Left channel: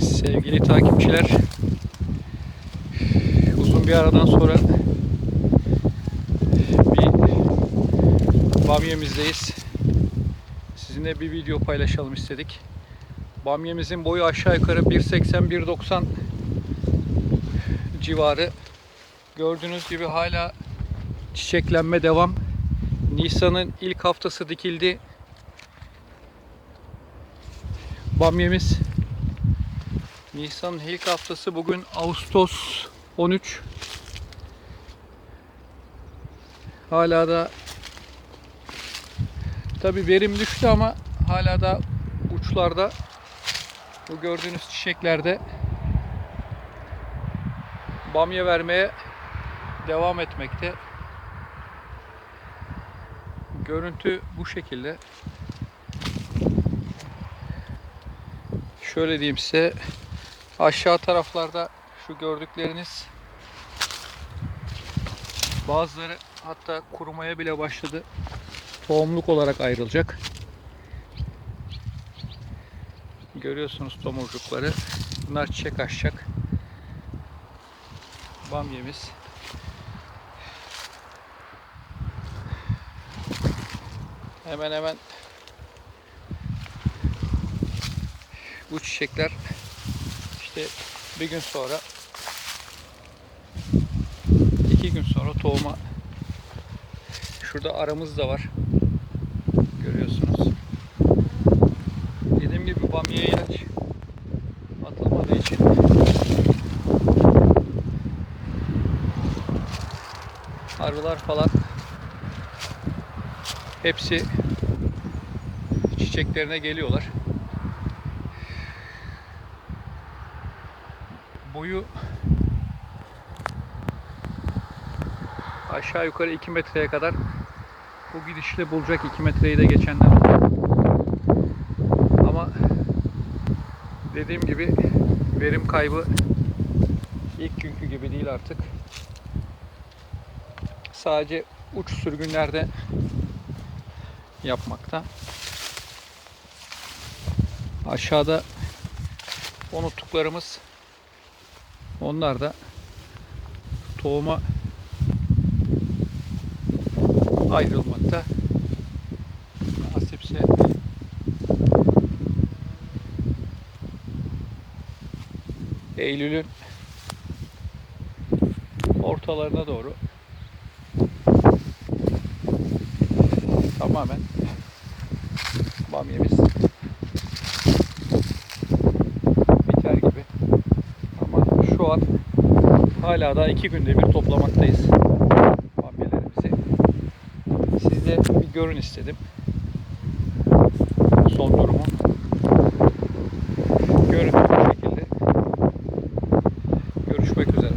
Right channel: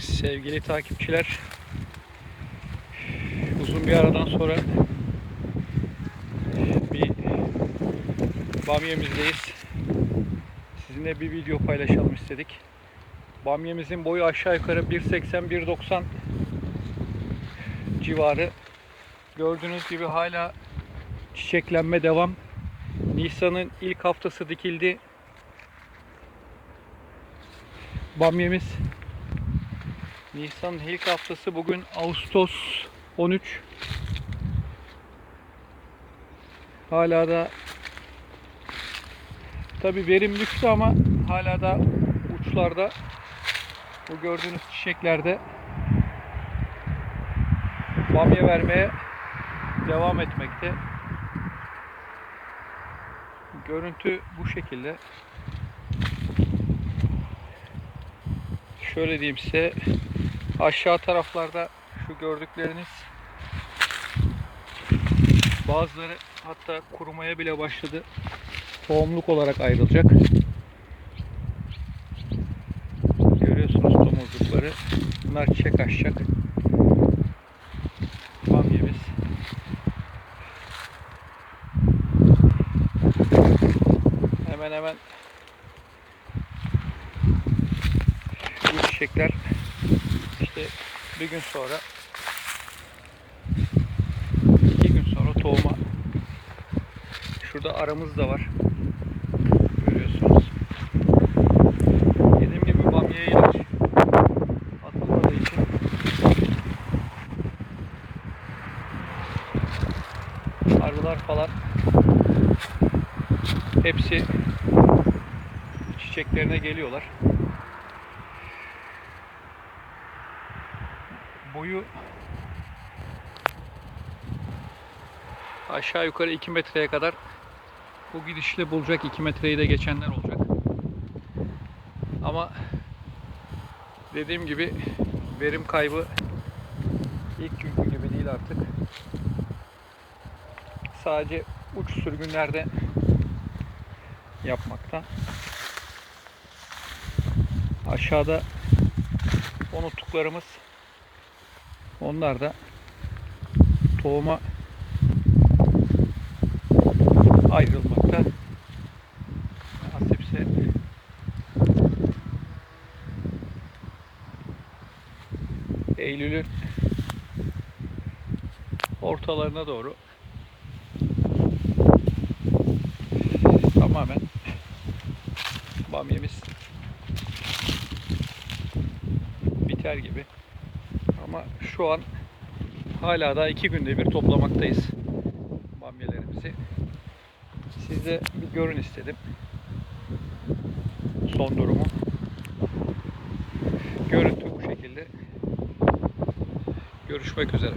Sevgili takipçiler, uzun bir aradan sonra bir bamyemizdeyiz. Sizinle bir video paylaşalım istedik. Bamyemizin boyu aşağı yukarı 1.80-1.90 civarı. Gördüğünüz gibi hala çiçeklenme devam. Nisan'ın ilk haftası dikildi. Bamyemiz Nisan'ın ilk haftası bugün Ağustos 13. Hala da tabi verim düştü ama hala da uçlarda bu gördüğünüz çiçeklerde bamya vermeye devam etmekte. Görüntü bu şekilde. Şöyle diyeyim size aşağı taraflarda şu gördükleriniz bazıları hatta kurumaya bile başladı. Tohumluk olarak ayrılacak. Görüyorsunuz tomurcukları. Bunlar çiçek açacak. Bamyemiz. Hemen hemen bu çiçekler işte bir gün sonra iki gün sonra tohuma. Şurada aramız da var. Görüyorsunuz. Dediğim gibi bamya ilaç atılmadığı için. Arılar falan. Hepsi çiçeklerine geliyorlar. Boyu aşağı yukarı 2 metreye kadar bu gidişle bulacak 2 metreyi de geçenler oldu. Ama dediğim gibi verim kaybı ilk günkü gibi değil artık. Sadece uç sürgünlerde yapmakta. Aşağıda unuttuklarımız onlar da tohuma ayrılmakta. Nasipse Eylül'ün ortalarına doğru tamamen bamyemiz biter gibi. Şu an hala da iki günde bir toplamaktayız bamyelerimizi. Size bir görün istedim. Son durumu. Görüntü bu şekilde. Görüşmek üzere.